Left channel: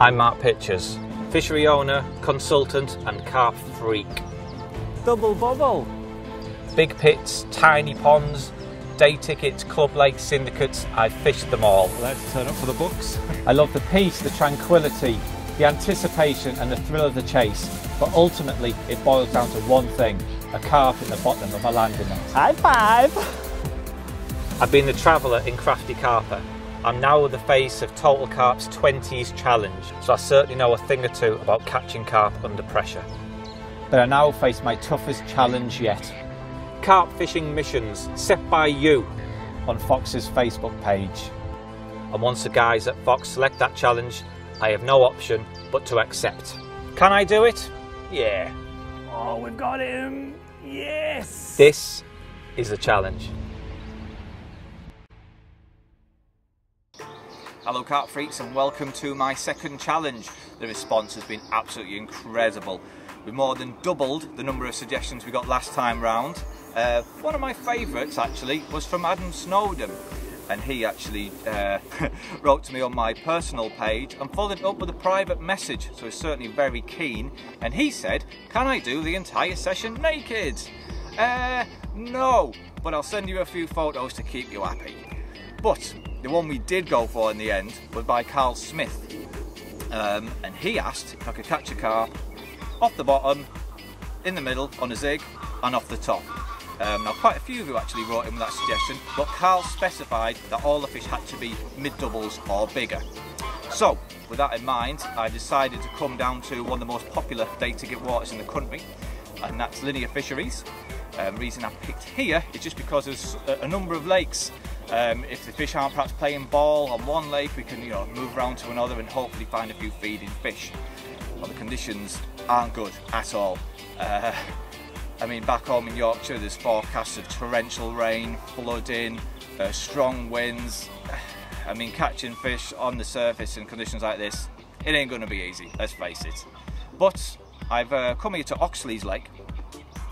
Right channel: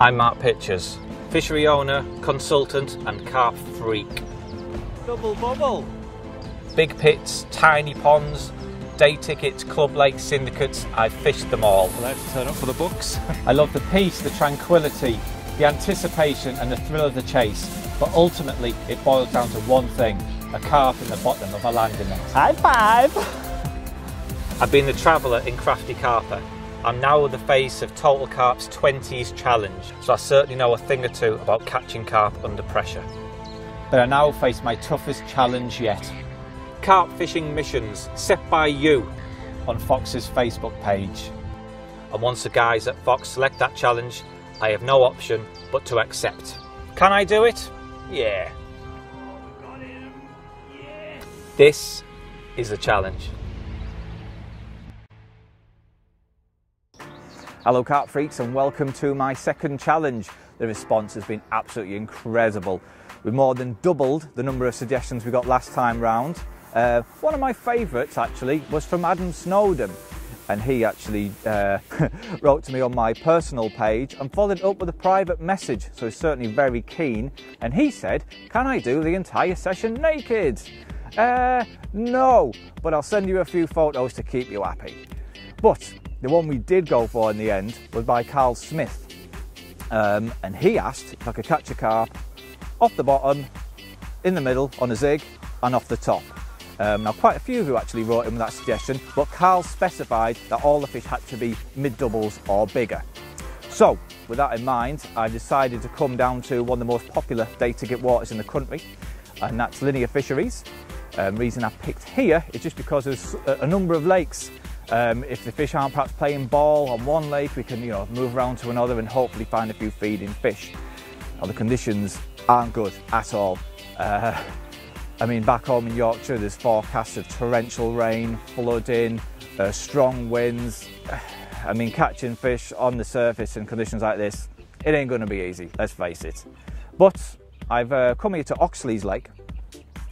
I'm Mark Pitchers, fishery owner, consultant and carp freak. Double bubble. Big pits, tiny ponds, day tickets, club lakes, syndicates, I've fished them all. Let's turn up for the books. I love the peace, the tranquility, the anticipation and the thrill of the chase, but ultimately it boils down to one thing, a carp in the bottom of a landing net. High five! I've been the traveller in Crafty Carper. I'm now the face of Total Carp's 20s challenge, so I certainly know a thing or two about catching carp under pressure. But I now face my toughest challenge yet. Carp fishing missions set by you On Fox's Facebook page. And once the guys at Fox select that challenge, I have no option but to accept. Can I do it? Yeah. Oh, we've got him! Yes! This is the challenge. Hello carp freaks and welcome to my second challenge. The response has been absolutely incredible. We more than doubled the number of suggestions we got last time round. One of my favourites actually was from Adam Snowden, and he actually wrote to me on my personal page and followed up with a private message, so he's certainly very keen, and he said, can I do the entire session naked? No, but I'll send you a few photos to keep you happy. But the one we did go for in the end was by Carl Smith, and he asked if I could catch a carp off the bottom, in the middle on a zig, and off the top. Now quite a few of you actually wrote in with that suggestion, but Carl specified that all the fish had to be mid-doubles or bigger. So with that in mind, I decided to come down to one of the most popular day ticket waters in the country, and that's Linear Fisheries. Reason I picked here is just because there's a number of lakes. If the fish aren't perhaps playing ball on one lake, we can move around to another and hopefully find a few feeding fish. Now the conditions aren't good at all. I mean, back home in Yorkshire there's forecasts of torrential rain, flooding, strong winds. I mean, catching fish on the surface in conditions like this, it ain't going to be easy, let's face it. But I've come here to Oxley's Lake.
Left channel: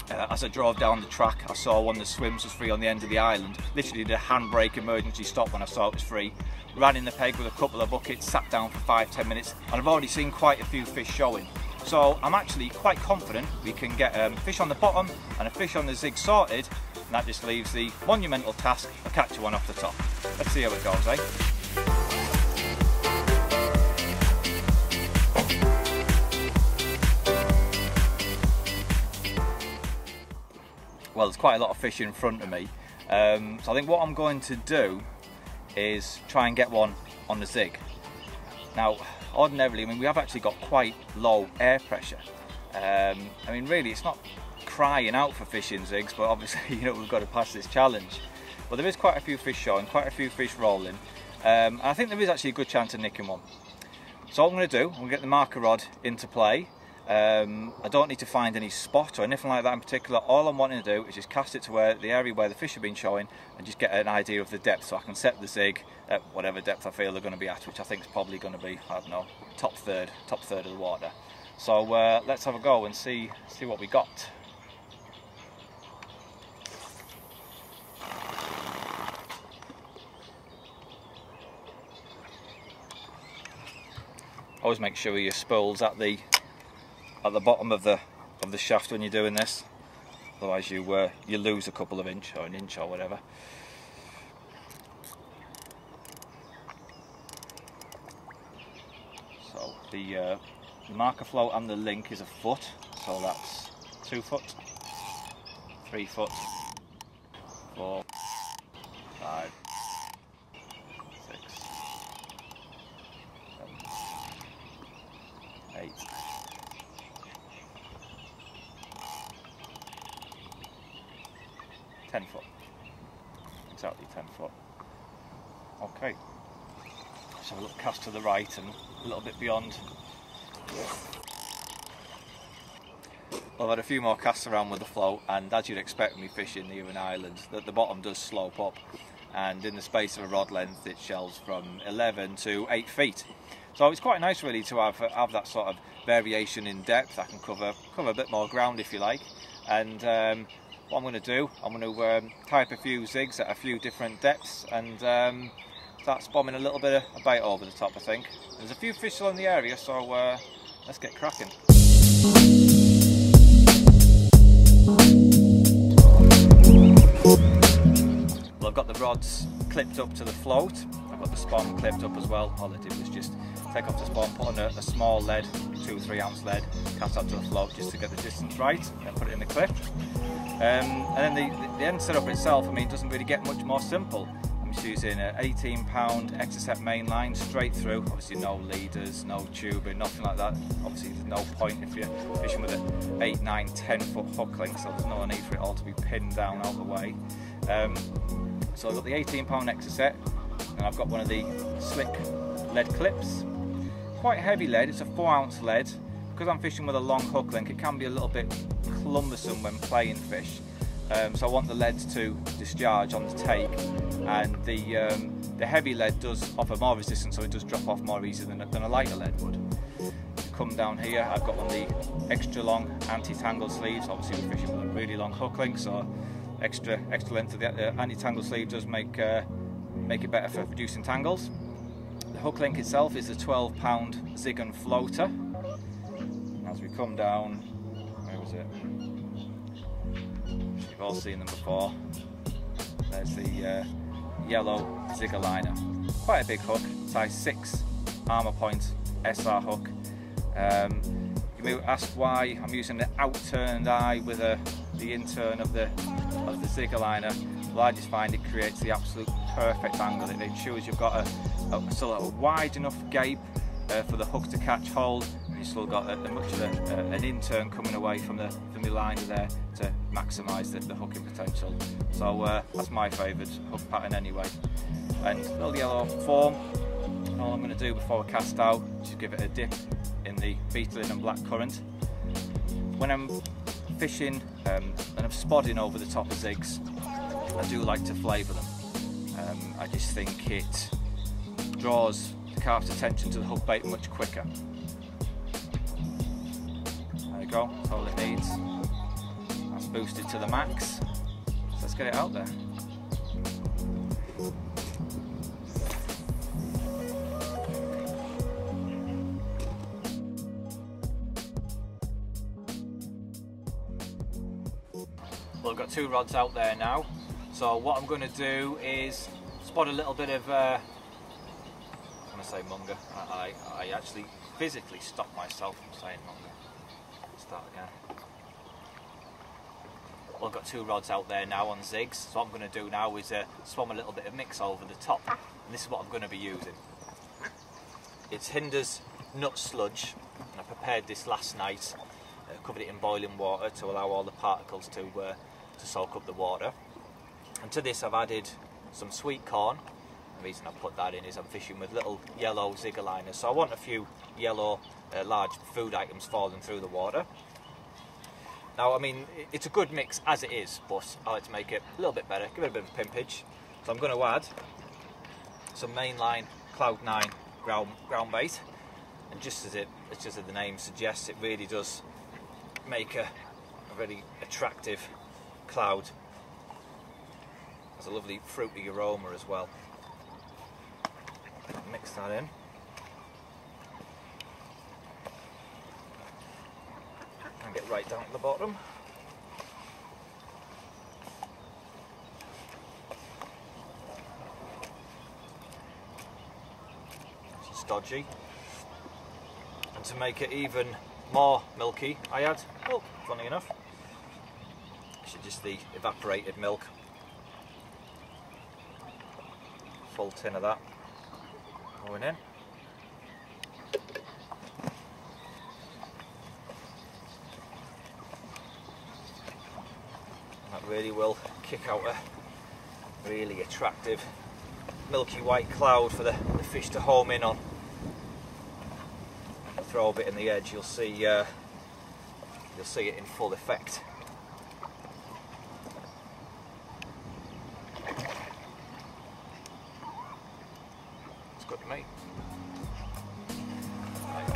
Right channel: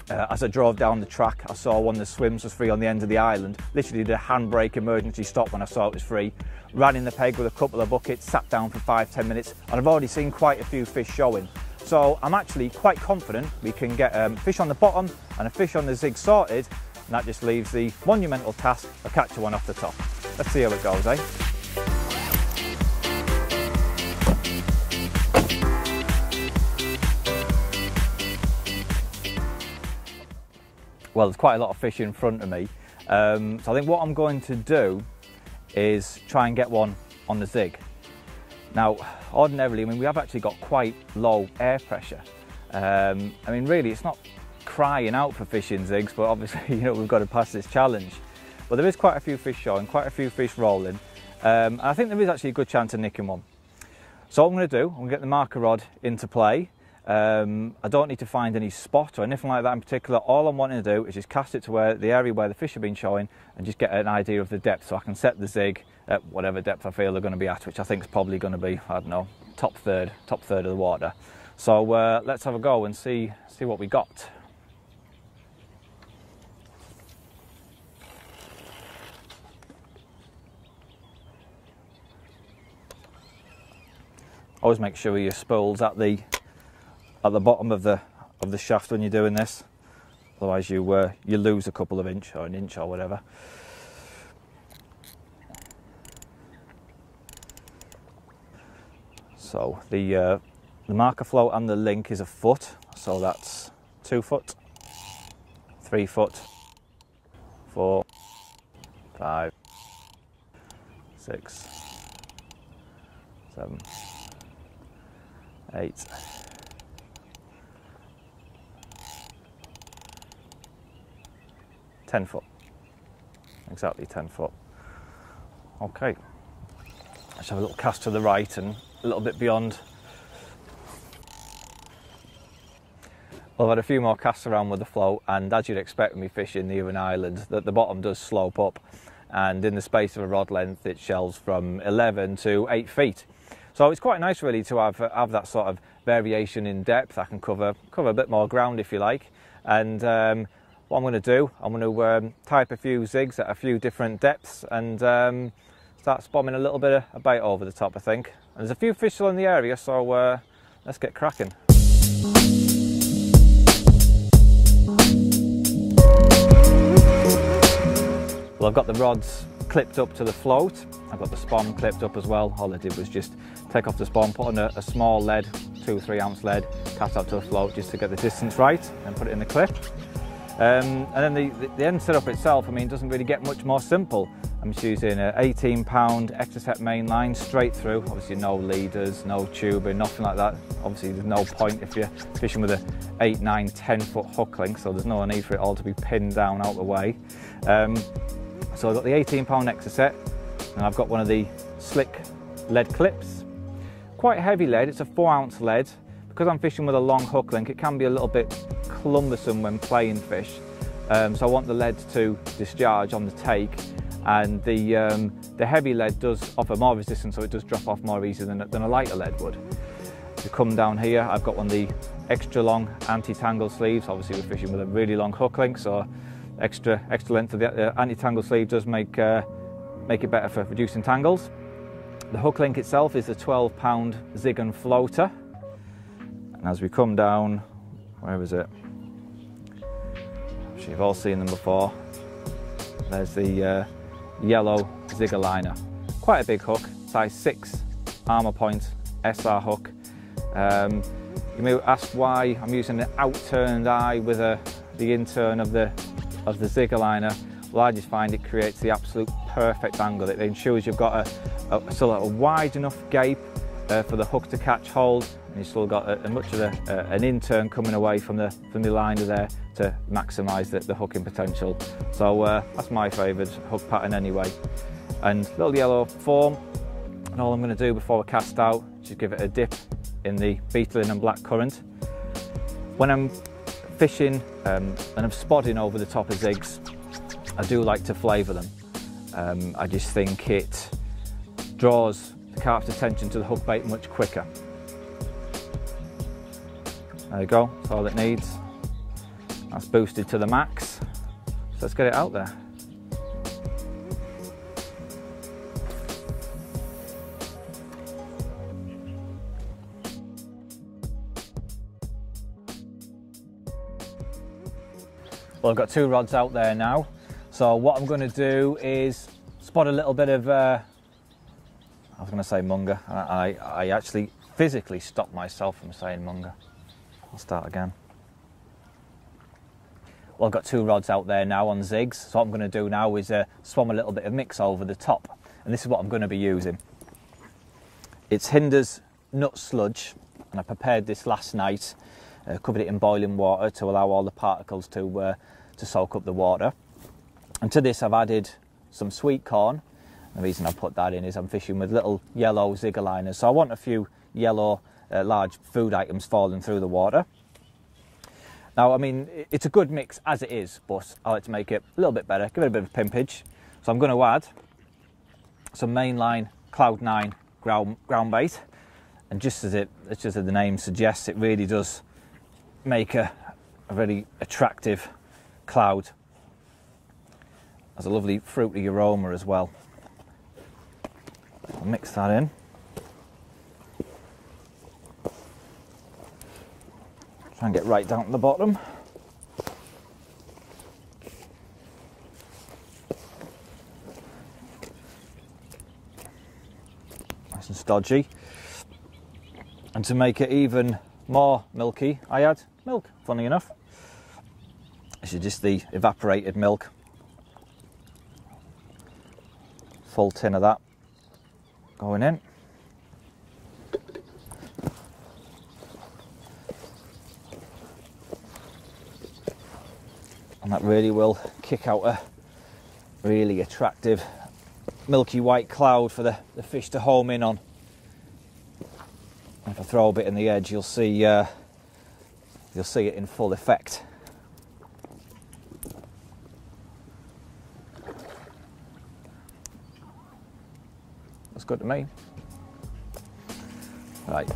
As I drove down the track, I saw one of the swims was free on the end of the island. Literally did a handbrake emergency stop when I saw it was free. Ran in the peg with a couple of buckets, sat down for 5-10 minutes, and I've already seen quite a few fish showing. So I'm actually quite confident we can get fish on the bottom and a fish on the zig sorted, and that just leaves the monumental task of catching one off the top. Let's see how it goes, eh? Well, there's quite a lot of fish in front of me, so I think what I'm going to do is try and get one on the zig. Now, ordinarily, I mean, we have actually got quite low air pressure. I mean, really, it's not crying out for fishing zigs, but obviously, we've got to pass this challenge. But there is quite a few fish showing, quite a few fish rolling. I think there is actually a good chance of nicking one. So what I'm going to do, I'm going to get the marker rod into play. I don't need to find any spot or anything like that in particular. All I'm wanting to do is just cast it to the area where the fish have been showing and just get an idea of the depth, so I can set the zig at whatever depth I feel they're going to be at, which I think is probably going to be, I don't know, top third of the water. So let's have a go and see what we got. Always make sure your spool's at the bottom of the shaft when you're doing this, otherwise you lose a couple of inch or an inch or whatever. So the marker float and the link is a foot, so that's 2 foot, 3 foot, 4, 5, 6, 7, 8. 10 foot, exactly 10 foot. Okay, let's have a little cast to the right and a little bit beyond. Well, I've had a few more casts around with the float, and as you'd expect when we fishing near an island, that the bottom does slope up, and in the space of a rod length it shelves from 11 to 8 feet. So it's quite nice really to have that sort of variation in depth. I can cover a bit more ground if you like, and what I'm going to do, I'm going to tie up a few zigs at a few different depths and starts bombing a little bit of bait over the top, I think. And there's a few fish still in the area, so let's get cracking. Well, I've got the rods clipped up to the float. I've got the spawn clipped up as well. All I did was just take off the spawn, put on a small lead, 2 or 3 ounce lead, cast out to the float just to get the distance right, and put it in the clip. And then the end setup itself, I mean, doesn't really get much more simple. I'm just using an 18-pound Exocet main line straight through. Obviously no leaders, no tubing, nothing like that. Obviously there's no point if you're fishing with a 8, 9, 10 foot hook length, so there's no need for it all to be pinned down out of the way. So I've got the 18-pound Exocet, and I've got one of the slick lead clips. Quite heavy lead, it's a 4 ounce lead. Because I'm fishing with a long hook length, it can be a little bit cumbersome when playing fish. So I want the lead to discharge on the take, and the heavy lead does offer more resistance, so it does drop off more easily than a lighter lead would. If you come down here, I've got one of the extra long anti-tangle sleeves. Obviously we're fishing with a really long hook length, so extra length of the anti-tangle sleeve does make it better for reducing tangles. The hook link itself is a 12-pound Zig and floater. And as we come down, where is it? I'm sure you've all seen them before. There's the yellow Zigger liner. Quite a big hook, size 6 armour point SR hook. You may ask why I'm using an outturned eye with the intern of the Zigger liner. Well, I just find it creates the absolute perfect angle. It ensures you've got still a wide enough gape for the hook to catch hold, and you've still got much of an intern coming away from the liner there to maximise the hooking potential. So that's my favourite hook pattern anyway. And little yellow foam, and all I'm going to do before I cast out, just give it a dip in the beetling and black currant. When I'm fishing and I'm spodding over the top of zigs, I do like to flavour them. I just think it draws the carp's attention to the hook bait much quicker. There you go, that's all it needs. That's boosted to the max. So let's get it out there. Well, I've got 2 rods out there now. So what I'm going to do is spot a little bit of, I was going to say munger. I actually physically stopped myself from saying munger. I'll start again. Well, I've got 2 rods out there now on zigs. So what I'm going to do now is swam a little bit of mix over the top. And this is what I'm going to be using. It's Hinder's nut sludge. And I prepared this last night. Covered it in boiling water to allow all the particles to soak up the water. And to this I've added some sweet corn. The reason I put that in is I'm fishing with little yellow Zigger liners, so I want a few yellow large food items falling through the water. Now, I mean, it's a good mix as it is, but I like to make it a little bit better, give it a bit of pimpage. So I'm going to add some mainline Cloud 9 ground bait, and just as the name suggests, it really does make a really attractive cloud. Has a lovely fruity aroma as well. I'll mix that in. Try and get right down to the bottom. Nice and stodgy. And to make it even more milky, I add milk, funny enough. This is just the evaporated milk. Full tin of that going in. And that really will kick out a really attractive milky white cloud for the fish to home in on. If I throw a bit in the edge, you'll see it in full effect. That's good to me. Right.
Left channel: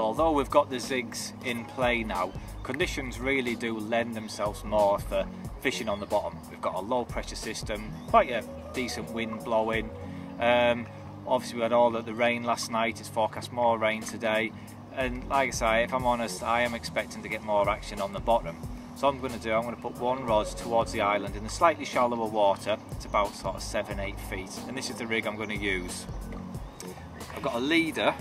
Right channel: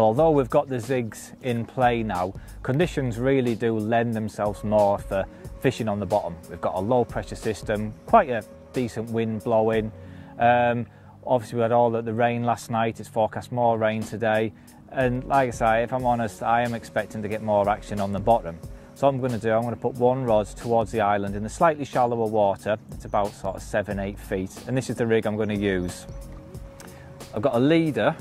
Well, although we've got the zigs in play now, conditions really do lend themselves more for fishing on the bottom. We've got a low pressure system, quite a decent wind blowing. Obviously we had all the rain last night, it's forecast more rain today. And like I say, if I'm honest, I am expecting to get more action on the bottom. So what I'm going to do, I'm going to put one rod towards the island in the slightly shallower water. It's about sort of 7-8 feet. And this is the rig I'm going to use. I've got a leader,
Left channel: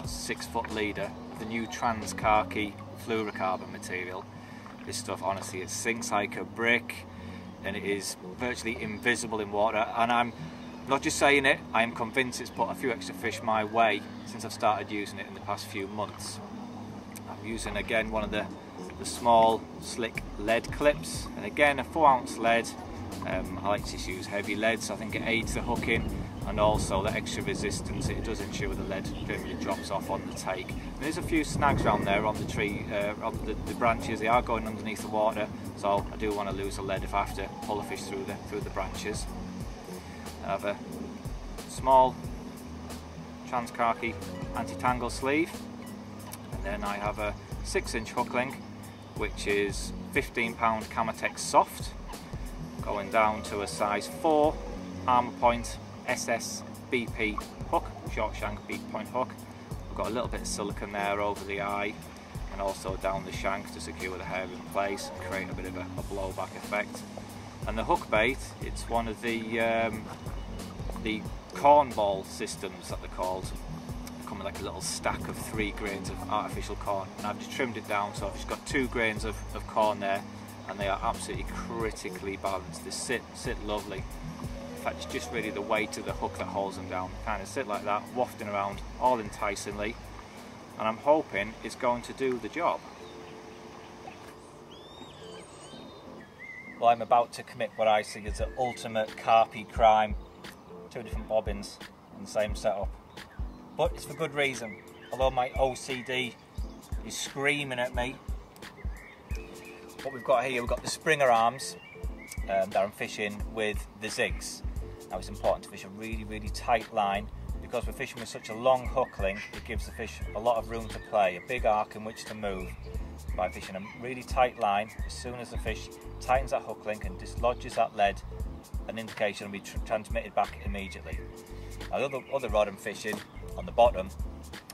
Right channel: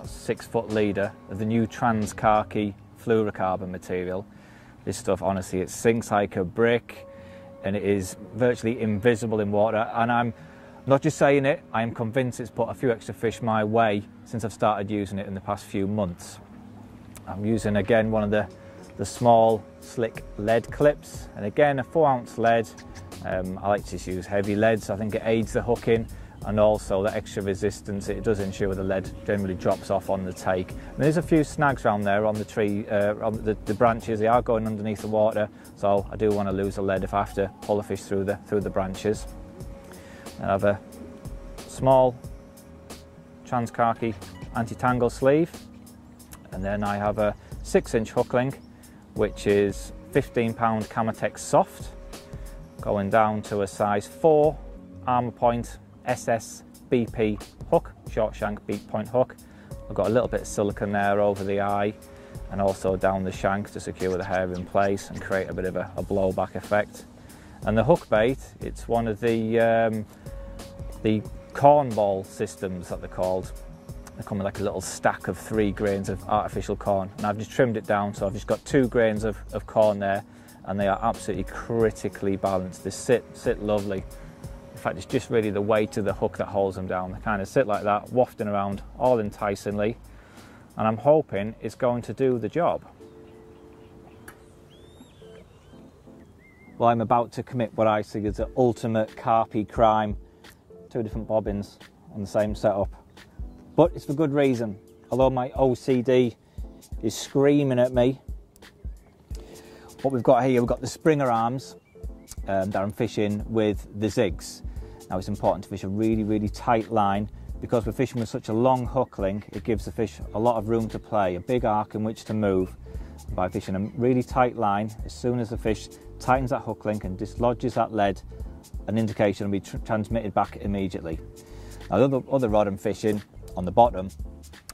a 6-foot leader of the new CARP fluorocarbon material. This stuff, honestly, it sinks like a brick and it is virtually invisible in water. And I'm not just saying it, I am convinced it's put a few extra fish my way since I've started using it in the past few months. I'm using again one of the small slick lead clips, and again a 4-ounce lead. I like to just use heavy leads. I think it aids the hooking, and also the extra resistance it does ensure the lead generally drops off on the take. And there's a few snags around there on the tree, on the branches. They are going underneath the water, so I do want to lose the lead if I have to pull a fish through the branches. I have a small CARP anti-tangle sleeve, and then I have a 6-inch hook link, which is 15-pound Camotex soft, going down to a size 4 armor point SSBP hook, short shank beak point hook. I've got a little bit of silicone there over the eye and also down the shank to secure the hair in place and create a bit of a blowback effect. And the hook bait, it's one of the cornball systems that they're called. They come with like a little stack of 3 grains of artificial corn, and I've just trimmed it down, so I've just got 2 grains of corn there, and they are absolutely critically balanced. They sit lovely. In fact, it's just really the weight of the hook that holds them down. They kind of sit like that, wafting around all enticingly, and I'm hoping it's going to do the job. Well, I'm about to commit what I see as the ultimate carpy crime. 2 different bobbins on the same setup. But it's for good reason. Although my OCD is screaming at me. What we've got here, we've got the Springer arms that I'm fishing with the zigs. Now it's important to fish a really, really tight line because we're fishing with such a long hook link. It gives the fish a lot of room to play, a big arc in which to move. By fishing a really tight line, as soon as the fish tightens that hook link and dislodges that lead, an indication will be transmitted back immediately. Now the other rod I'm fishing on the bottom,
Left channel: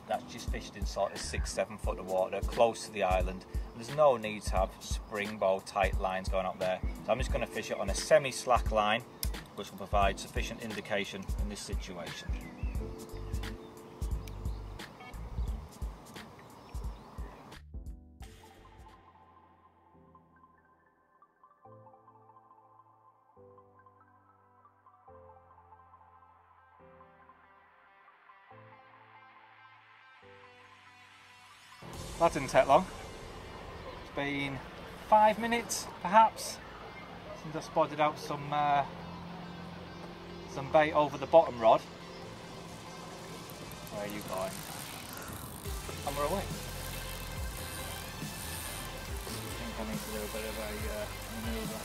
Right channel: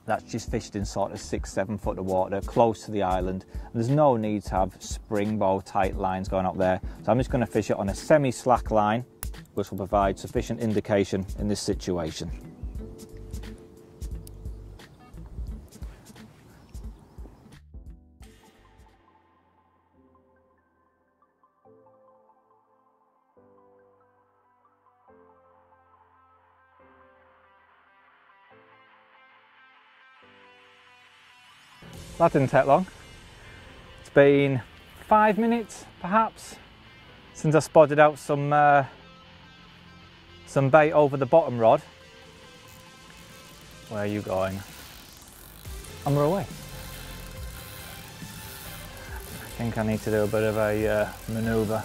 that's just fished in sort of 6-7 foot of water close to the island. There's no need to have springbow tight lines going up there, so I'm just going to fish it on a semi-slack line, which will provide sufficient indication in this situation. That didn't take long. It's been 5 minutes, perhaps, since I spotted out some bait over the bottom rod. Where are you going? On the way. I think I need to do a bit of a manoeuvre.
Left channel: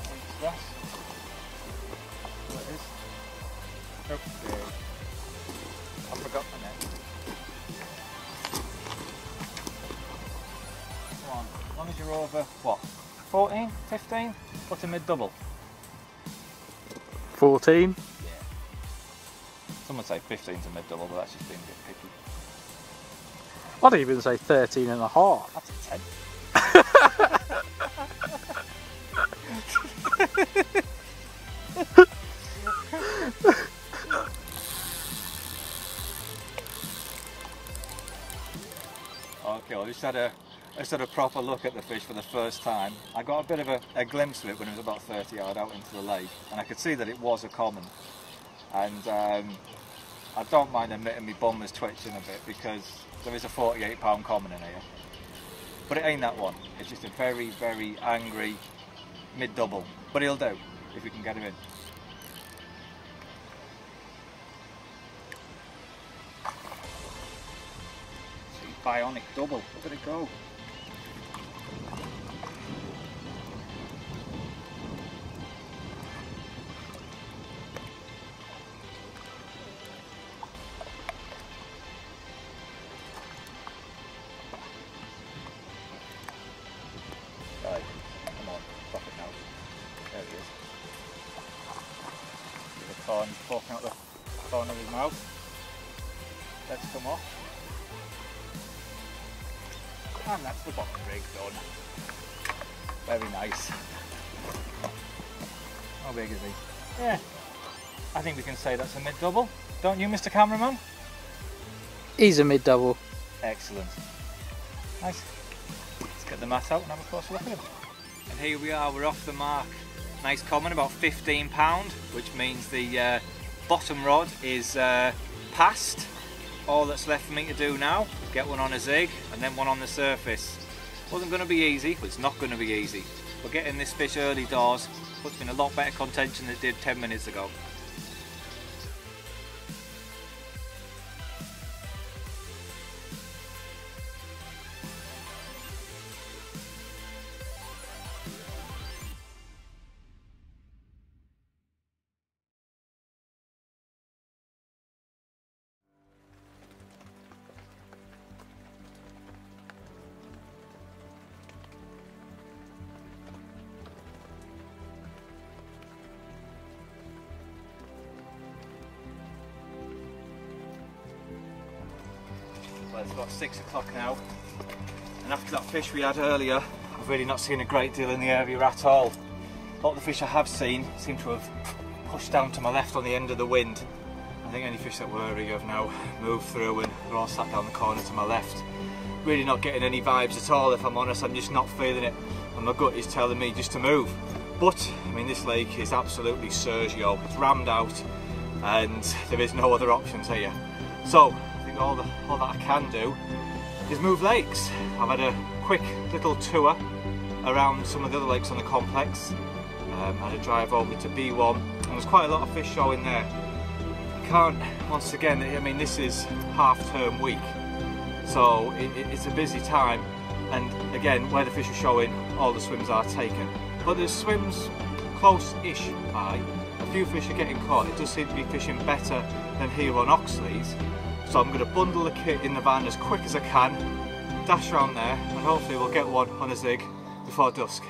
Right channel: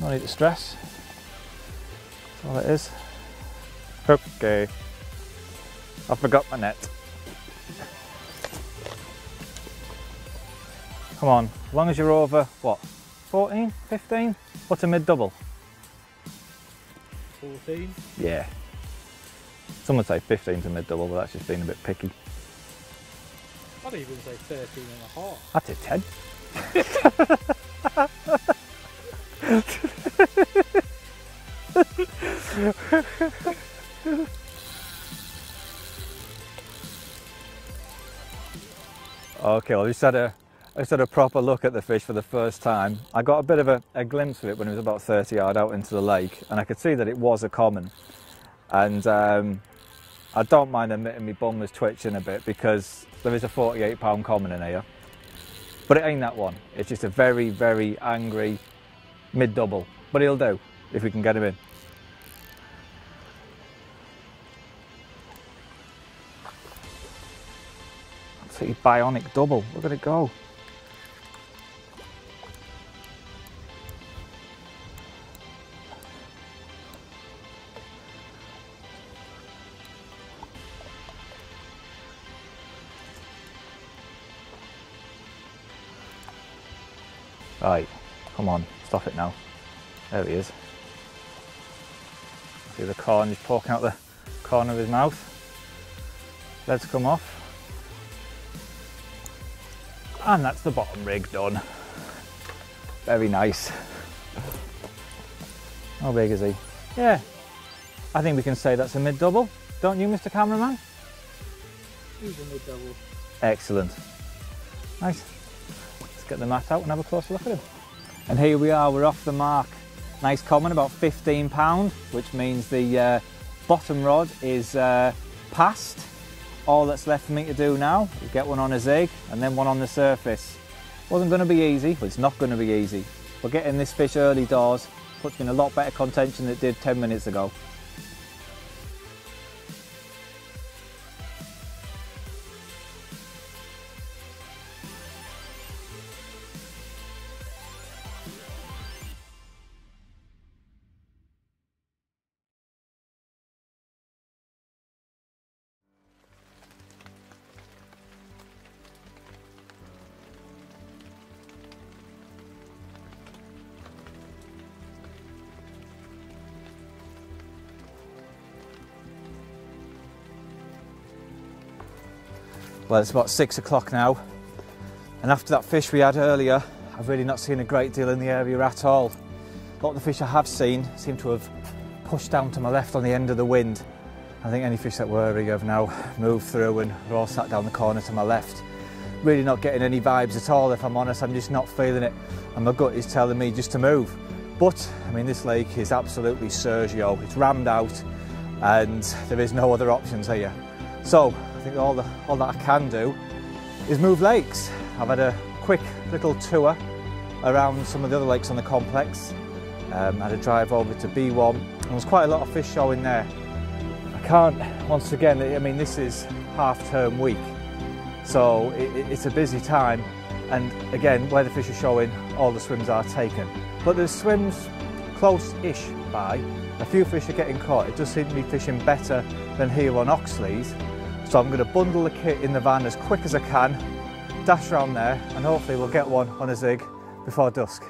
No need to stress. That's all it is. Okay. I forgot my net. Come on, as long as you're over, what, 14, 15? What's a mid-double? 14. Yeah. Some would say 15's a mid-double, but that's just being a bit picky. I'd even say 13 and a half. I did 10. Okay, well, I just had a proper look at the fish for the first time. I got a bit of a glimpse of it when it was about 30 yards out into the lake, and I could see that it was a common. And I don't mind admitting my bum was twitching a bit because there is a 48-pound common in here. But it ain't that one. It's just a very, very angry mid-double. But he'll do if we can get him in. City bionic double. Look at it go. Right, come on, stop it now. There he is. See the corn, he's poking out the corner of his mouth. Let's come off. And that's the bottom rig done. Very nice. How big is he? Yeah, I think we can say that's a mid-double. Don't you, Mr. Cameraman? He's a mid-double. Excellent. Nice. Let's get the mat out and have a closer look at him. And here we are, we're off the mark. Nice common, about £15, which means the bottom rod is past. All that's left for me to do now is get one on a zig and then one on the surface. Wasn't going to be easy, but it's not going to be easy. But getting this fish early doors puts me in a lot better contention than it did 10 minutes ago. Well, it's about 6 o'clock now, and after that fish we had earlier, I've really not seen a great deal in the area at all. A lot of the fish I have seen seem to have pushed down to my left on the end of the wind. I think any fish that were early have now moved through and they're all sat down the corner to my left. Really not getting any vibes at all, if I'm honest. I'm just not feeling it, and my gut is telling me just to move. But, I mean, this lake is absolutely Sergio. It's rammed out and there is no other options here. So, I think all that I can do is move lakes. I've had a quick little tour around some of the other lakes on the complex. Had a drive over to B1 and there's quite a lot of fish showing there. I can't, once again, I mean this is half-term week, so it's a busy time, and again where the fish are showing, all the swims are taken. But there's swims close-ish by. A few fish are getting caught. It does seem to be fishing better than here on Oxley's. So I'm going to bundle the kit in the van as quick as I can, dash around there, and hopefully we'll get one on a zig before dusk.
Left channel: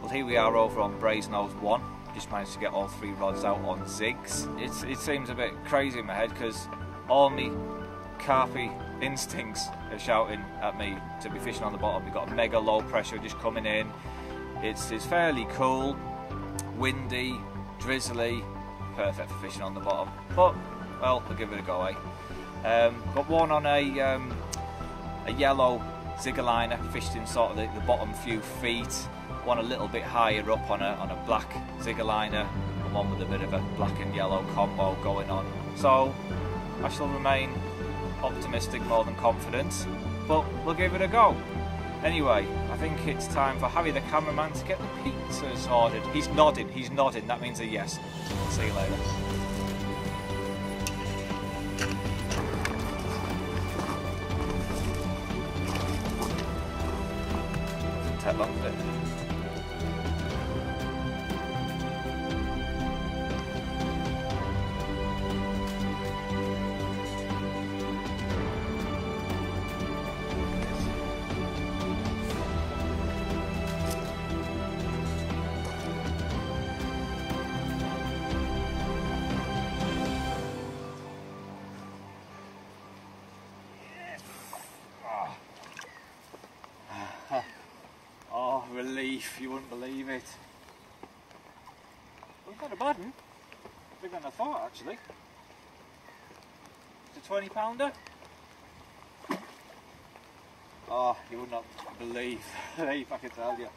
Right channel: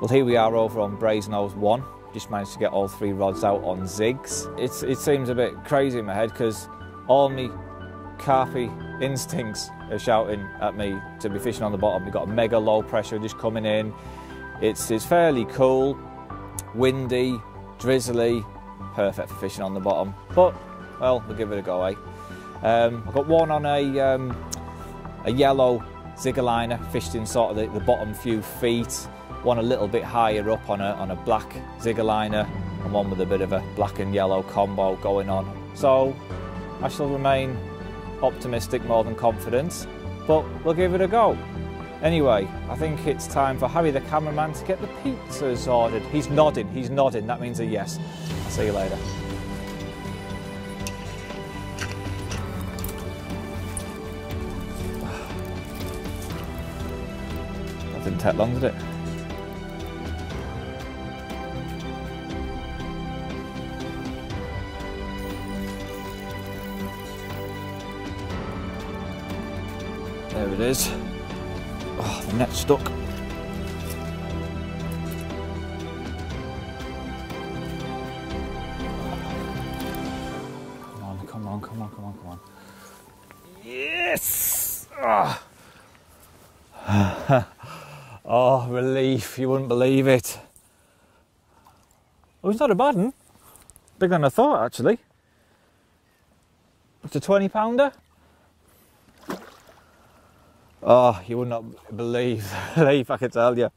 Well, here we are over on Brasenose 1. Just managed to get all 3 rods out on zigs. It seems a bit crazy in my head because all my carpy instincts are shouting at me to be fishing on the bottom. We've got a mega low pressure just coming in. It's fairly cool, windy, drizzly, perfect for fishing on the bottom. But, well, we'll give it a go, eh? I've got one on a yellow ziggerliner, fished in sort of the bottom few feet. One a little bit higher up on a black ziggerliner, and one with a bit of a black and yellow combo going on. So I shall remain optimistic more than confident, but we'll give it a go. Anyway, I think it's time for Harry the cameraman to get the pizzas ordered. He's nodding, that means a yes. See you later. That didn't take long, did it? There it is. Oh, the net's stuck. Come on. Yes! Oh. Oh, relief, you wouldn't believe it. Oh, it's not a bad one. Bigger than I thought, actually. It's a 20-pounder. Oh, you would not believe the relief, I can tell you.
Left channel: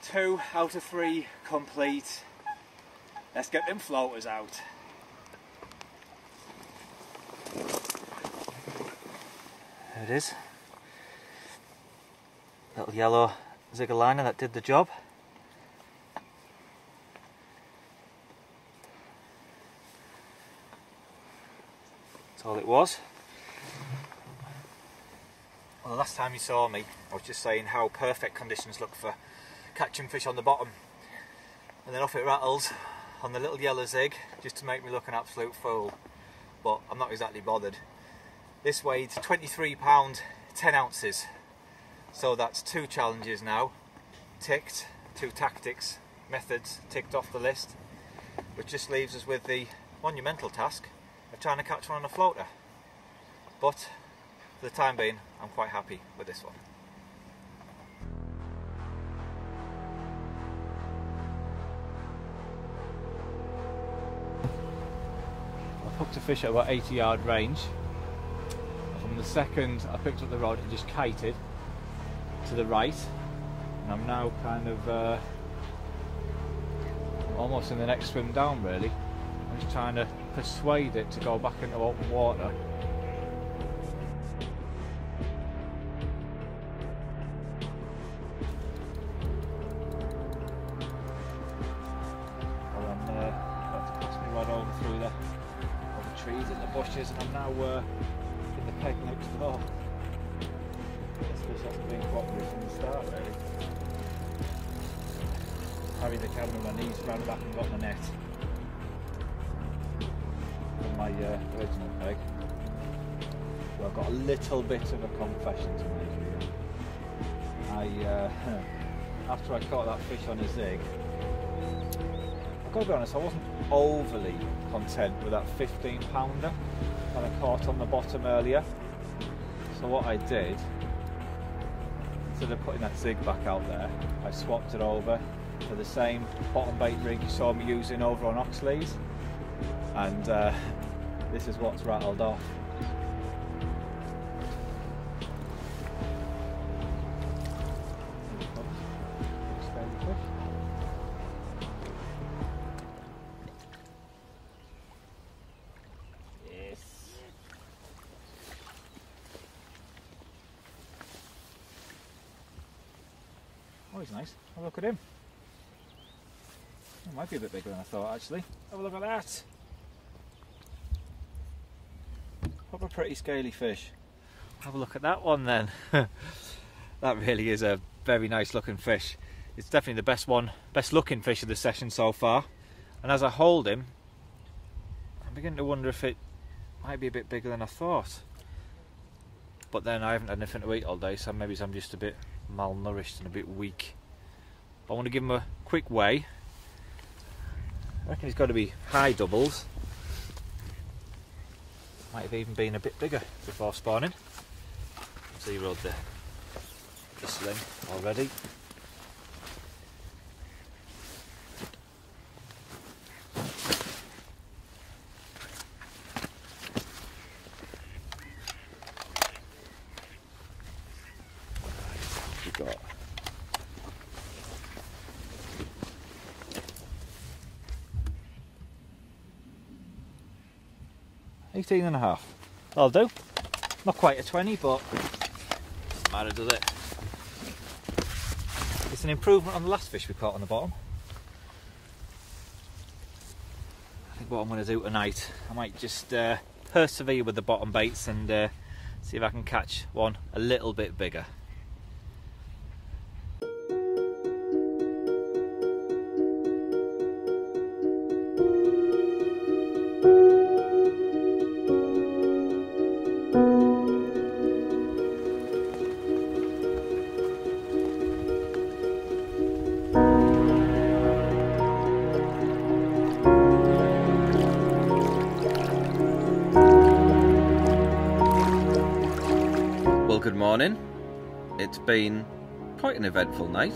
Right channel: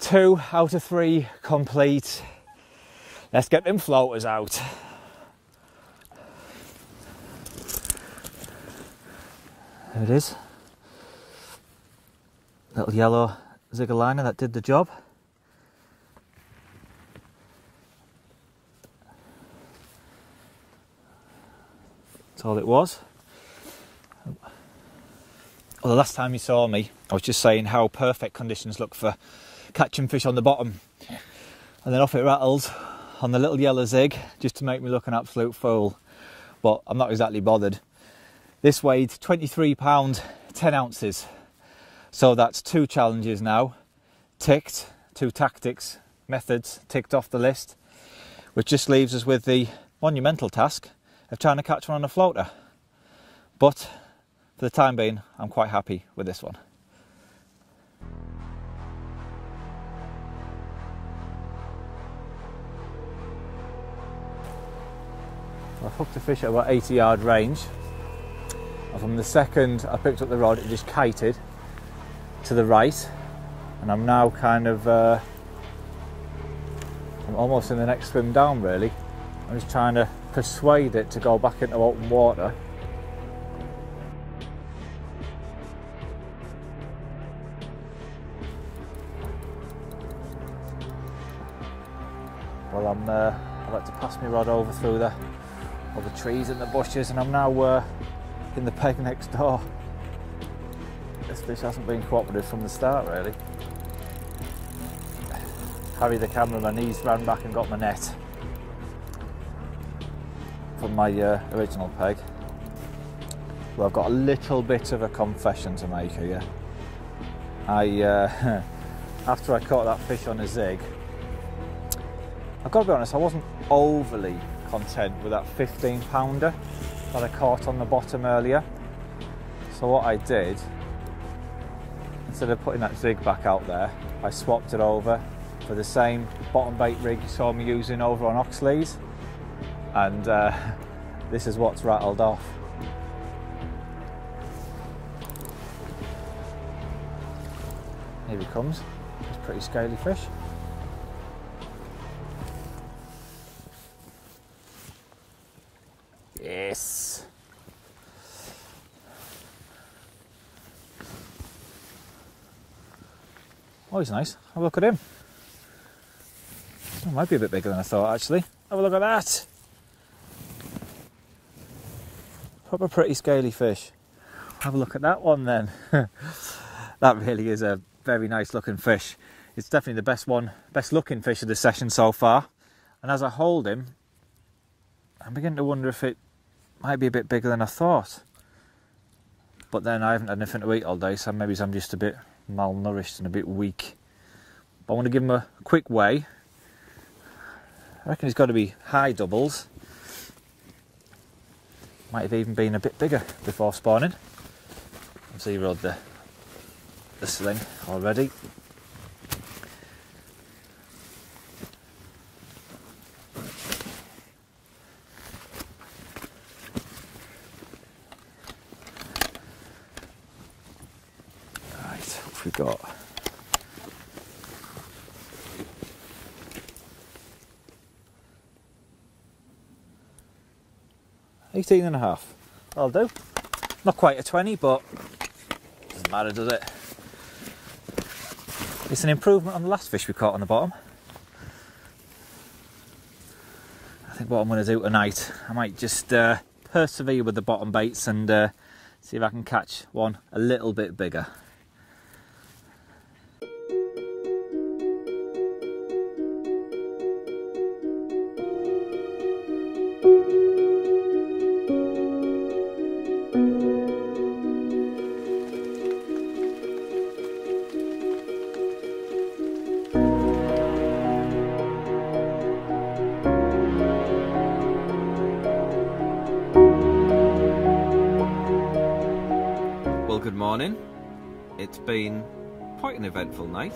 2 out of 3 complete. Let's get them floaters out. There it is. Little yellow zigger liner that did the job. That's all it was. Well, the last time you saw me, I was just saying how perfect conditions look for catching fish on the bottom. And then off it rattles on the little yellow zig, just to make me look an absolute fool. But I'm not exactly bothered. This weighed 23 pounds 10 ounces. So that's 2 challenges now ticked, 2 tactics, methods ticked off the list, which just leaves us with the monumental task of trying to catch one on a floater. But for the time being, I'm quite happy with this one. I've hooked a fish at about 80-yard range, and from the second I picked up the rod it just kited to the right, and I'm now kind of I'm almost in the next swim down really. I'm just trying to persuade it to go back into open water. Well, I like to pass my rod over through the trees and the bushes, and I'm now in the peg next door. This fish hasn't been cooperative from the start really. Harry the cameraman, he's ran back and got my net from my original peg. Well, I've got a little bit of a confession to make here. After I caught that fish on a zig, I've got to be honest, I wasn't overly content with that 15-pounder that I caught on the bottom earlier. So what I did, instead of putting that zig back out there, I swapped it over for the same bottom bait rig you saw me using over on Oxley's, and this is what's rattled off. Here he comes. It's a pretty scaly fish. Yes. Oh, he's nice. Have a look at him. Oh, might be a bit bigger than I thought actually. Have a look at that. Proper pretty scaly fish. Have a look at that one then. That really is a very nice looking fish. It's definitely the best looking fish of the session so far. And as I hold him, I'm beginning to wonder if it might be a bit bigger than I thought. But then I haven't had anything to eat all day, so maybe I'm just a bit malnourished and a bit weak. But I want to give him a quick weigh. I reckon he's got to be high doubles. Might have even been a bit bigger before spawning. Zeroed the slim already. Right, what have we got? $18.5. I'll do. Not quite a 20, but doesn't matter, does it? It's an improvement on the last fish we caught on the bottom. I think what I'm going to do tonight, I might just persevere with the bottom baits and see if I can catch one a little bit bigger. Good morning. It's been quite an eventful night.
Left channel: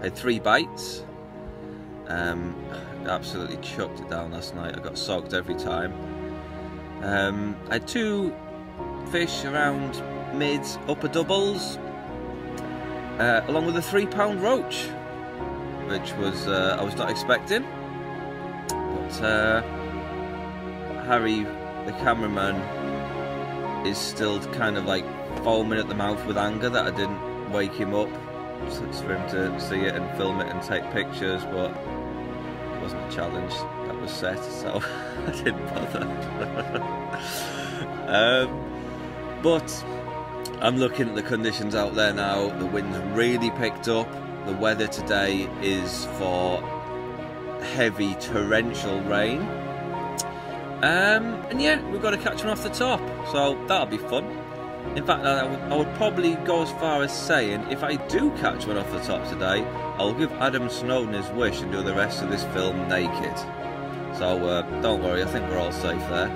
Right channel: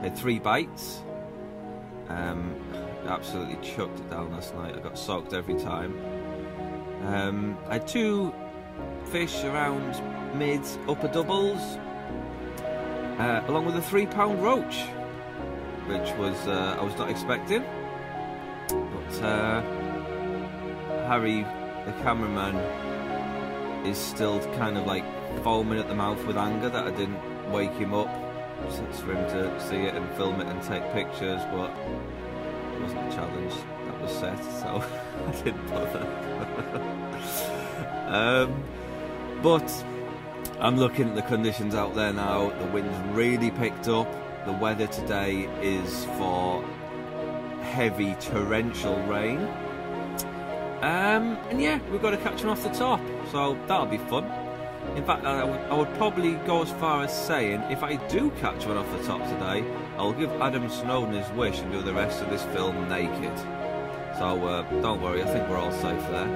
I had 3 bites. Absolutely chucked it down last night. I got soaked every time. I had 2 fish around mids, upper doubles, along with a 3-pound roach, which was I was not expecting. But Harry, the cameraman, is still kind of like foaming at the mouth with anger that I didn't wake him up for him to see it and film it and take pictures, but it wasn't a challenge that was set, so I didn't bother. But I'm looking at the conditions out there now. The wind's really picked up. the weather today is for heavy torrential rain. And yeah, we've got to catch one off the top, so that'll be fun. In fact, I would probably go as far as saying, if I do catch one off the top today, I'll give Adam Snowden his wish and do the rest of this film naked. So don't worry, I think we're all safe there.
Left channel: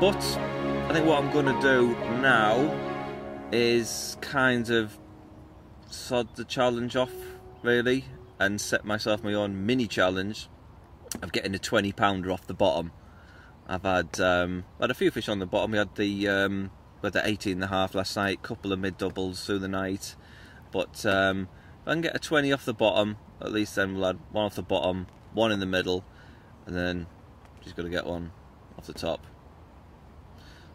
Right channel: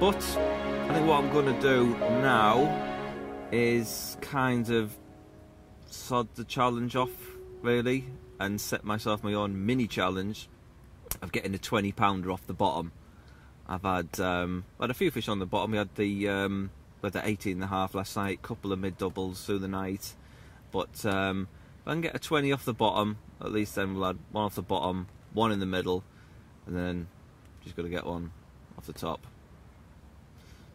But I think what I'm going to do now is kind of sod the challenge off, really, and set myself my own mini challenge of getting a 20-pounder off the bottom. I've had a few fish on the bottom. We had the 18.5 last night, couple of mid doubles through the night. But if I can get a 20 off the bottom, at least then we'll have one off the bottom, one in the middle, and then just got to get one off the top.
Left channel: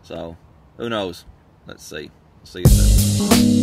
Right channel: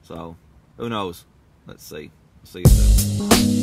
So who knows? Let's see. See you soon.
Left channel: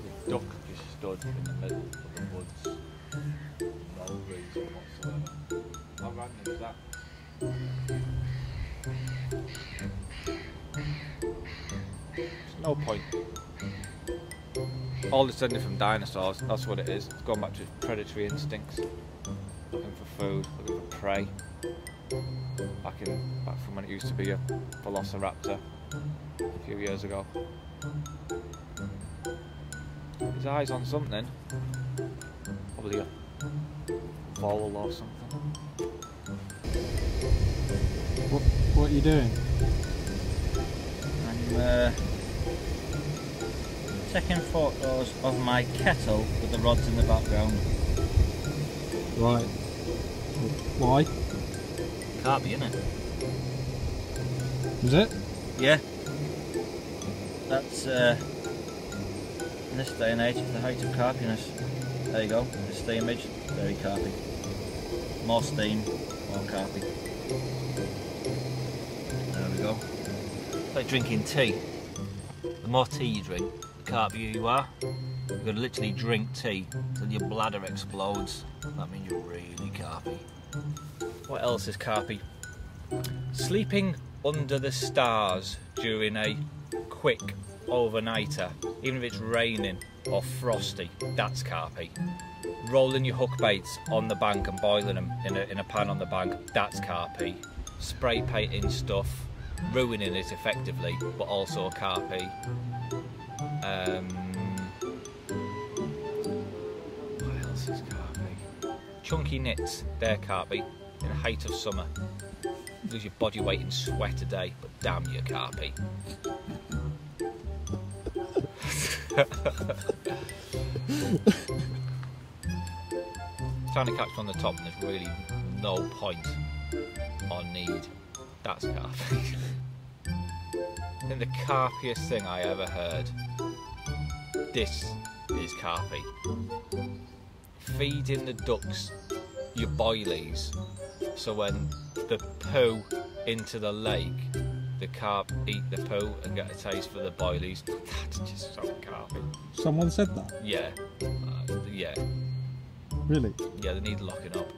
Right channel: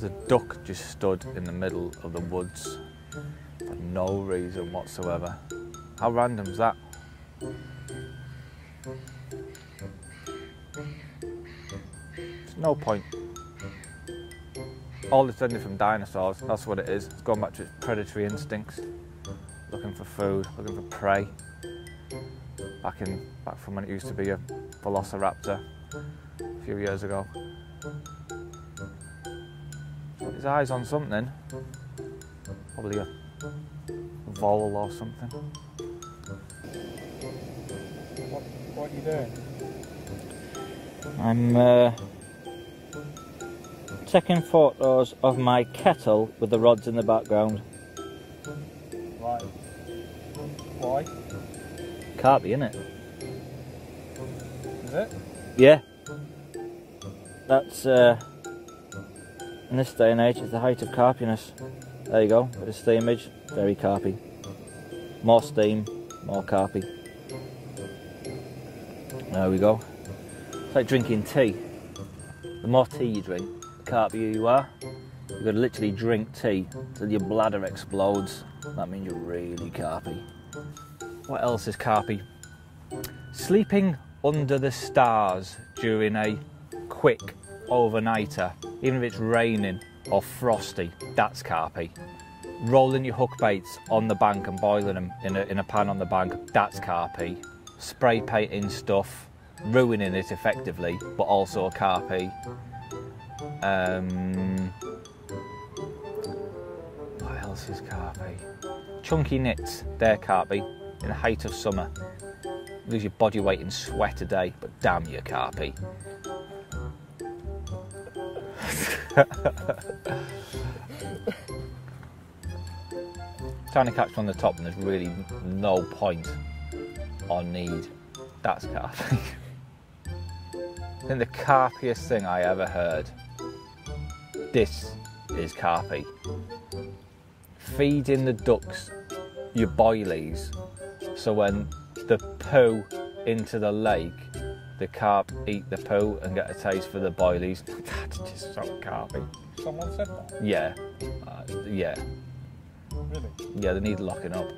There's a duck just stood in the middle of the woods for no reason whatsoever. How random is that? There's no point. All it's learning from dinosaurs, that's what it is. It's going back to its predatory instincts. Looking for food, looking for prey. Back from when it used to be a velociraptor a few years ago. His eyes on something. Probably a vole or something. What are you doing? I'm taking photos of my kettle with the rods in the background. Right. Why? Carp, innit? Is it? Yeah. That's in this day and age, it's the height of carpiness. There you go, this is the image, very carpy. More steam, more carpy. There we go. It's like drinking tea. The more tea you drink, the carpier you are. You've got to literally drink tea till your bladder explodes. That means you're really carpy. What else is carpy? Sleeping under the stars during a quick overnighter, even if it's raining or frosty, that's carpy. Rolling your hook baits on the bank and boiling them in a pan on the bank, that's carpy. Spray painting stuff, ruining it effectively, but also carpy. What else is carpy? Chunky knits, they're carpy. In the height of summer, you lose your body weight in sweat a day, but damn, you're carpy. Trying to catch one on the top and there's really no point or need. That's carpy. I think the carpiest thing I ever heard. This is carpy. Feeding the ducks your boilies, so when the poo into the lake, the carp eat the poo and get a taste for the boilies. That's just so carpy. Someone said that? Yeah. Yeah. Really? Yeah, they need locking up.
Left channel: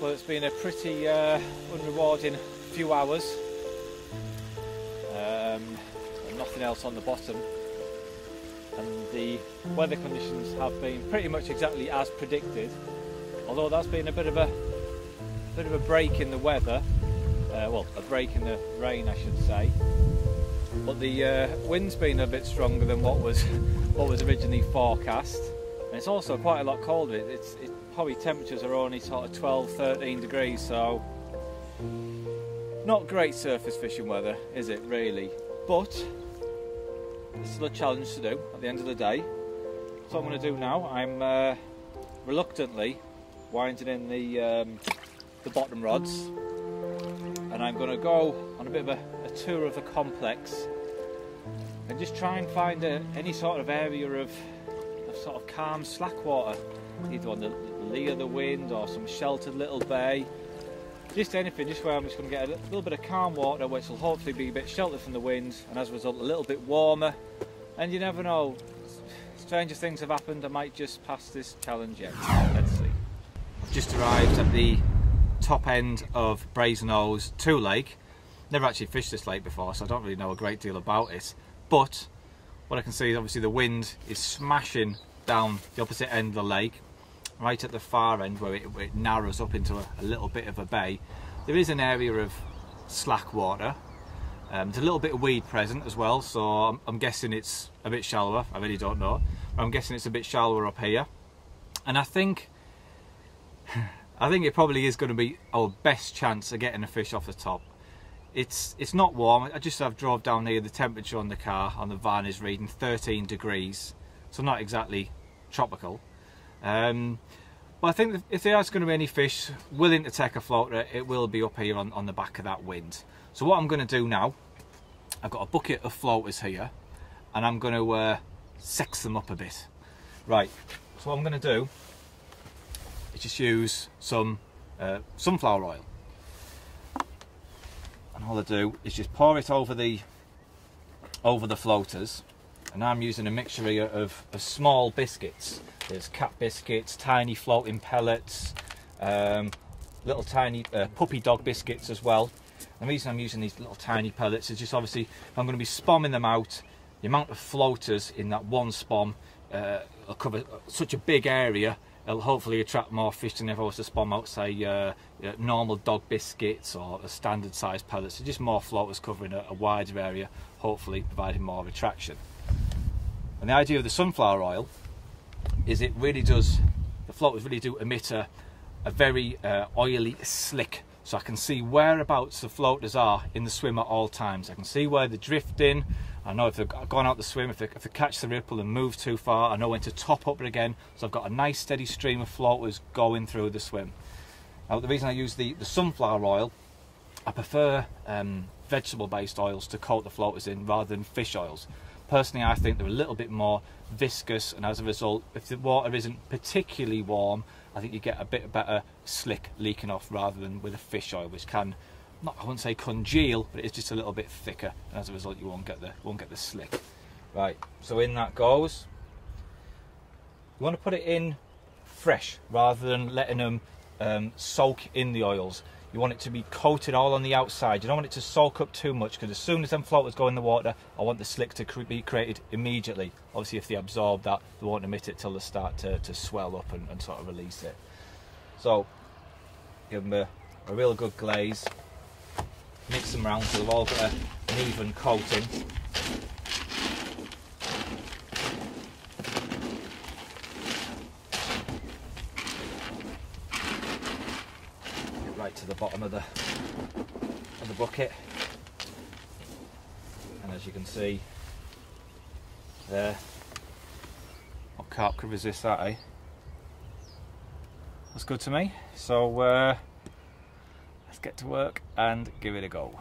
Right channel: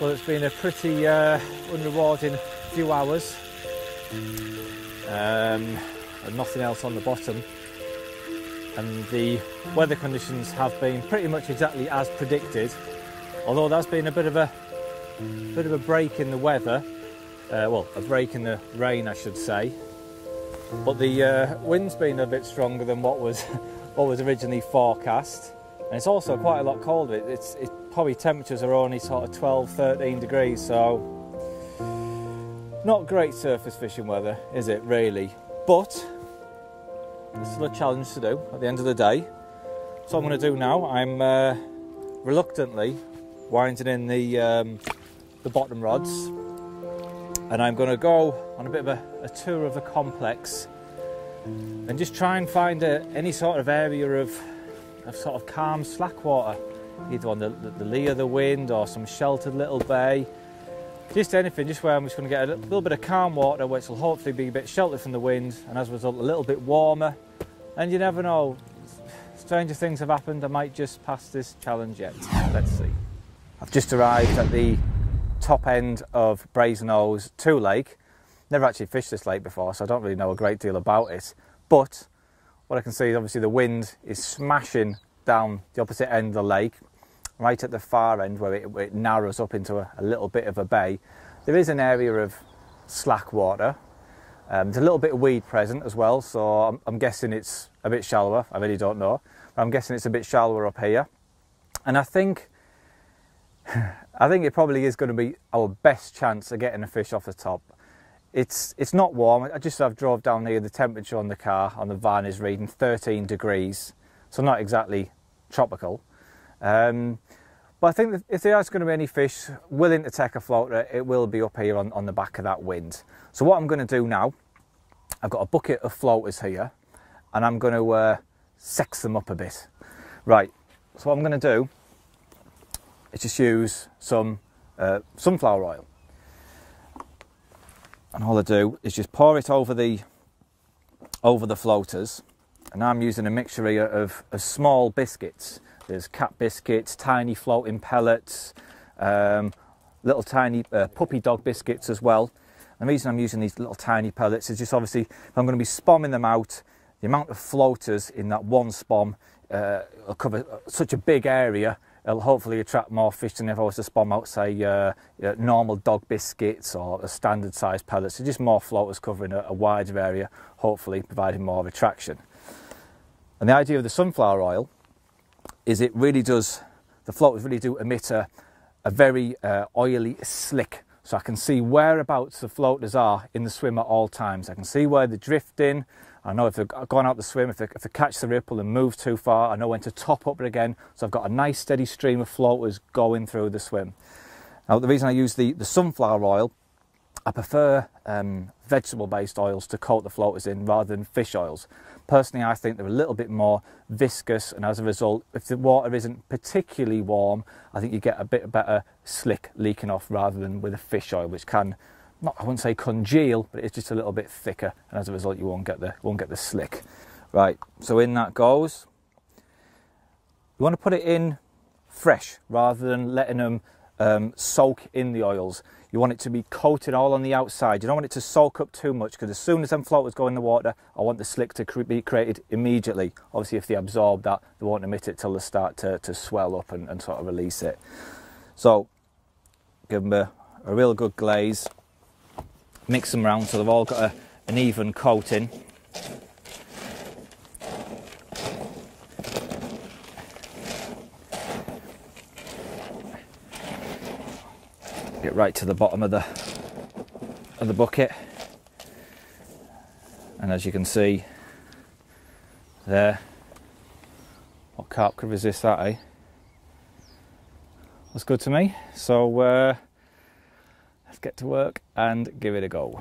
Well, it's been a pretty unrewarding few hours. And nothing else on the bottom. And the weather conditions have been pretty much exactly as predicted. Although there's been a bit of a break in the weather. Well, a break in the rain, I should say. But the wind's been a bit stronger than what was originally forecast. And it's also quite a lot colder. It's probably temperatures are only sort of 12, 13 degrees, so not great surface fishing weather, is it really? But it's still a challenge to do at the end of the day. So what I'm going to do now, I'm reluctantly winding in the bottom rods, and I'm going to go on a bit of a tour of the complex and just try and find any sort of area of sort of calm slack water, either on the lee of the wind or some sheltered little bay, just anything, just where I'm just going to get a little bit of calm water, which will hopefully be a bit sheltered from the wind, and as a result a little bit warmer. And you never know, stranger things have happened. I might just pass this challenge yet. Let's see. I've just arrived at the top end of Brasenose 2 Lake. Never actually fished this lake before, so I don't really know a great deal about it, but what I can see is obviously the wind is smashing down the opposite end of the lake, right at the far end where it narrows up into a little bit of a bay. There is an area of slack water. There's a little bit of weed present as well, so I'm guessing it's a bit shallower. I really don't know, but I'm guessing it's a bit shallower up here. And I think it probably is going to be our best chance of getting a fish off the top. It's not warm. I've drove down here. The temperature on the car, on the van, is reading 13 degrees, so not exactly tropical. But I think that if there is going to be any fish willing to take a floater, it will be up here on the back of that wind. So what I'm going to do now, I've got a bucket of floaters here, and I'm going to sex them up a bit. Right, so what I'm going to do is just use some sunflower oil. And all I do is just pour it over the floaters, and I'm using a mixture here of small biscuits. There's cat biscuits, tiny floating pellets, little tiny puppy dog biscuits as well. And the reason I'm using these little tiny pellets is just obviously if I'm going to be spomming them out, the amount of floaters in that one spom will cover such a big area. It'll hopefully attract more fish than if I was to spom out, say, normal dog biscuits or a standard size pellets. So just more floaters covering a wider area, hopefully providing more attraction. And the idea of the sunflower oil is the floaters really do emit a very oily slick. So I can see whereabouts the floaters are in the swim at all times. I can see where they're drifting. I know if they've gone out the swim, if they catch the ripple and move too far, I know when to top up it again. So I've got a nice steady stream of floaters going through the swim. Now the reason I use the sunflower oil, I prefer vegetable-based oils to coat the floaters in rather than fish oils. Personally, I think they're a little bit more viscous, and as a result, if the water isn't particularly warm, I think you get a bit better slick leaking off rather than with a fish oil, which can, I wouldn't say congeal, but it's just a little bit thicker, and as a result you won't get the slick. Right, so in that goes. You want to put it in fresh rather than letting them soak in the oils. You want it to be coated all on the outside. You don't want it to soak up too much, because as soon as them floaters go in the water, I want the slick to be created immediately. Obviously if they absorb that, they won't emit it till they start to swell up and sort of release it. So give them a real good glaze. Mix them around so they've all got an even coating. Get right to the bottom of the bucket, and as you can see there, what carp could resist that, eh? That's good to me. So let's get to work and give it a go.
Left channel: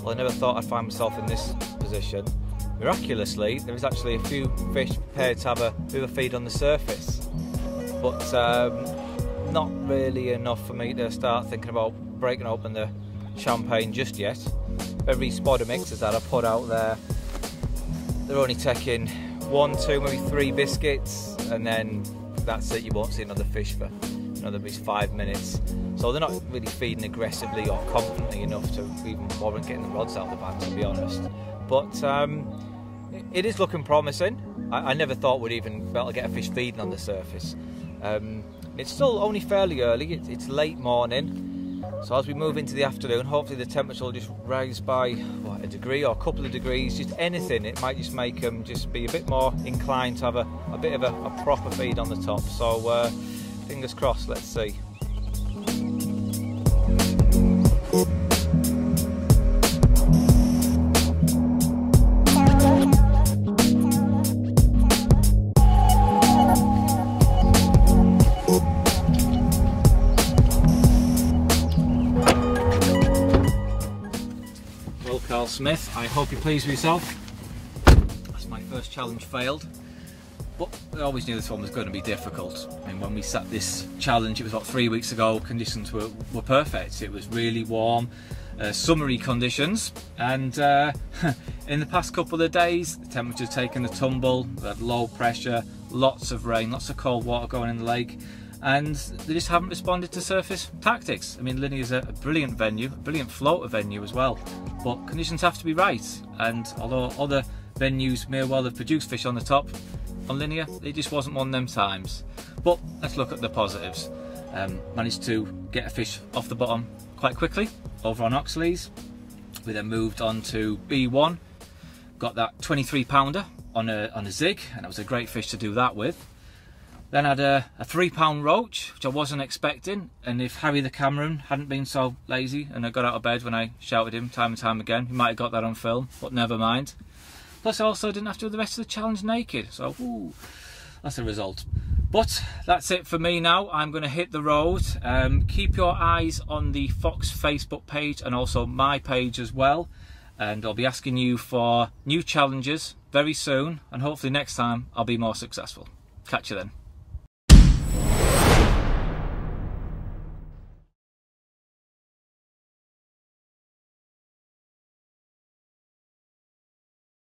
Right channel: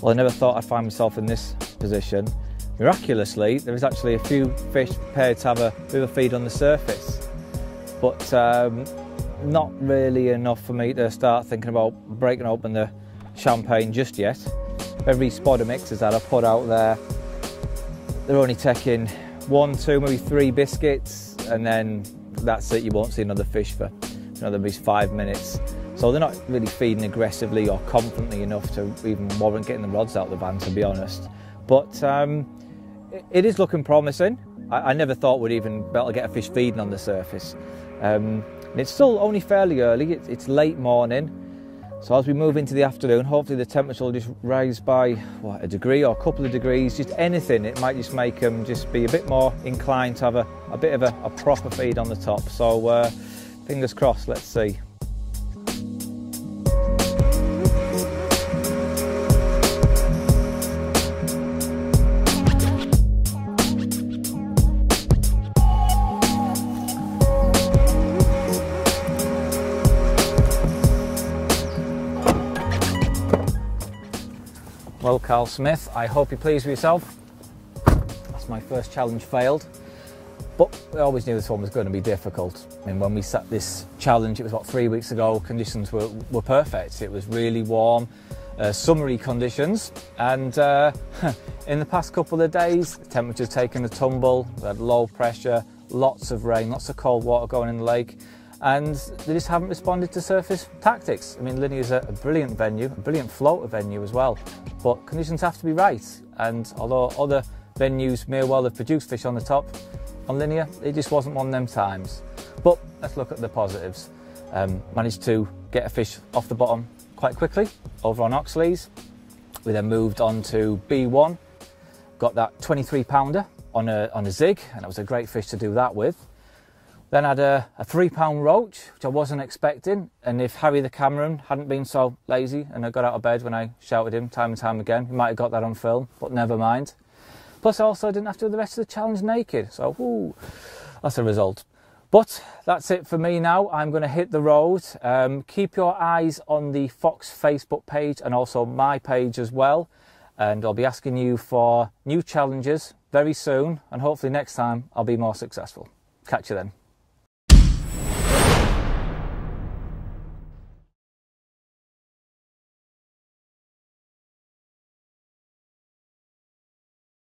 Well, I never thought I'd find myself in this position. Miraculously, there is actually a few fish prepared to have a bit of a feed on the surface, but not really enough for me to start thinking about breaking open the champagne just yet. Every spot of mixers that I put out there they're only taking 1, 2, maybe 3 biscuits, and then that's it. You won't see another fish for another 5 minutes. So they're not really feeding aggressively or confidently enough to even warrant getting the rods out of the van, to be honest. But it is looking promising. I never thought we'd even be able to get a fish feeding on the surface. It's still only fairly early. It's late morning. So as we move into the afternoon, hopefully the temperature will just rise by a degree or a couple of degrees, just anything. It might just make them just be a bit more inclined to have a bit of a proper feed on the top. So fingers crossed, let's see. Well, Carl Smith, I hope you're pleased with yourself. That's my first challenge failed, but I always knew this one was going to be difficult. And when we set this challenge, it was about 3 weeks ago, conditions were perfect. It was really warm, summery conditions, and in the past couple of days, the temperature's taken a tumble. We had low pressure, lots of rain, lots of cold water going in the lake, and they just haven't responded to surface tactics. I mean, Linear's a brilliant venue, a brilliant floater venue as well, but conditions have to be right. And although other venues may well have produced fish on the top, on Linear, it just wasn't one of them times. But let's look at the positives. Managed to get a fish off the bottom quite quickly over on Oxley's. We then moved on to B1, got that 23 pounder on a zig, and that was a great fish to do that with. Then had a 3 pound roach, which I wasn't expecting, and if Harry the cameraman hadn't been so lazy and I got out of bed when I shouted him time and time again, he might have got that on film, but never mind. Plus I also didn't have to do the rest of the challenge naked, so that's a result. But that's it for me now. I'm going to hit the road. Keep your eyes on the Fox Facebook page and also my page as well, and I'll be asking you for new challenges very soon, and hopefully next time I'll be more successful. Catch you then.